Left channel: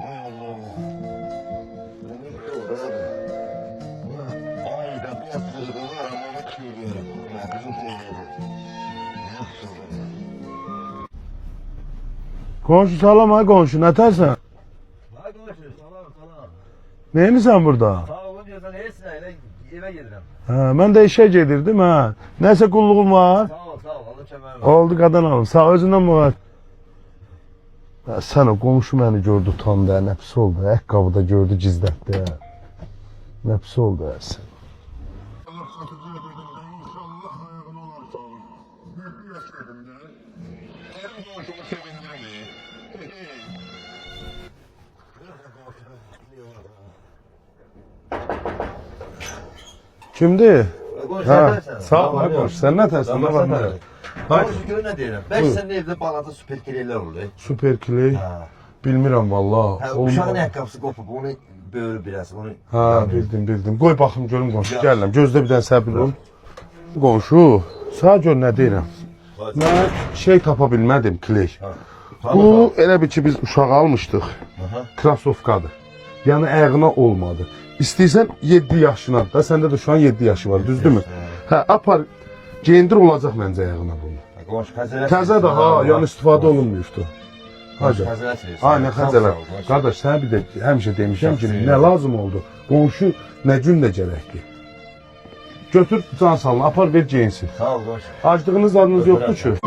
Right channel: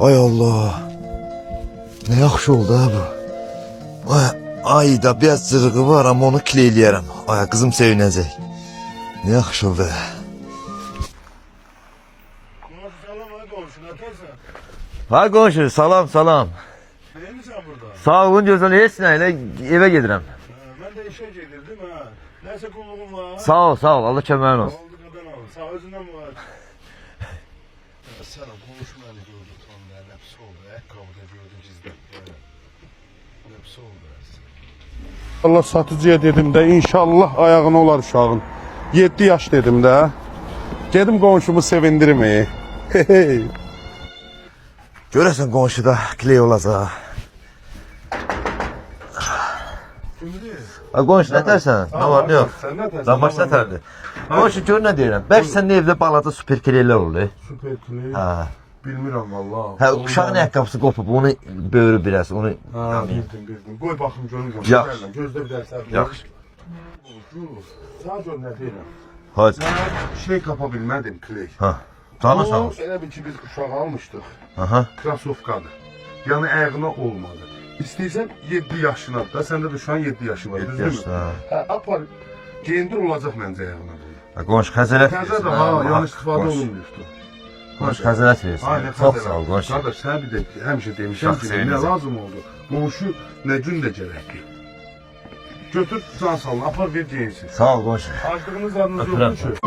Ay Allah. Ne yaxşı oldu ha bu. Ayda biraz cırığı var ama onu kileyləyərəm. Ay kızım sevinəcək. Ne yaxşı oldu ha. Komşu salam ha komşu, ne tersen? Ha qonşu, salam salam. Neymişsən burada? Sağ olun gözəl, heç nə ilə evə gedirəm. Ha, mən də işe gedirdim ha. Neyse kulluğum var. Sağ ol, Allah köməyin olsun. Oldu qadan alım. Sağ özündən var. Ya sen o komşu beni gördü utandı ha. Nefsi oldu. Ayakkabıda gördü gizletti ha. Nefsi oldu ha sen. Allah satıcıya dedim de inşallah ayağına olar uşağın. 7 yaş dedim de. Gedim komşumu sevindirmeyi. Görəsən qonşuda kiley olacaq. Kimdi? Ha qonşu nə tərsən? Sağ ol Nə var, nə yox? komşu. Sen ne tersen? Zaman nətərdir? Qonşu gör nə deyirəm. Bəlkə sənin evdə balada super kileylər olur. Süper kiley. Ha. Bilmirəm vallahi. Hə, Olmalı. uşağın ayaqqabısı qopub, onu böyürü biraz, onu Ha, yamayım. bildim. Qoy baxım görüm qonşu. Yaxşı. Gəlirəm. Gözlə bir dənə səbir ol. Yaxşı. Qonşu, sağ gör nə deyirəm. Hadi. Mən şey tapa bilmədim, kley. Ha. Canı sağ Bu olsun. elə bir ki biz uşağı almışdıq. Aha. Krasovkadır. Yəni ayağına olmadı. İstəyirsən 7 yaşına da, səndə də şu an 7 yaşı var, 7 düzdürmü? yaşı, Hə, apar. Geyindir olacaq məncə ayağına bunu. Ha, qonşu xəzələt Təzə də ha, yəni istifadə olunmuyubdu. Qonşu xəzələt verirsən. Aynen Çox sağ ol, xəzələt. qonşu. Qardaş, sənə bir də həmişə demişəm Çox ki, nə sevinəcəm. lazım oldu? Qonşu nə gün də gərəkdir. Götür can salını, apar ver geyinsin. Sağ ol qonşu. Aclığınız adınız Öpürəm yoxdur ki.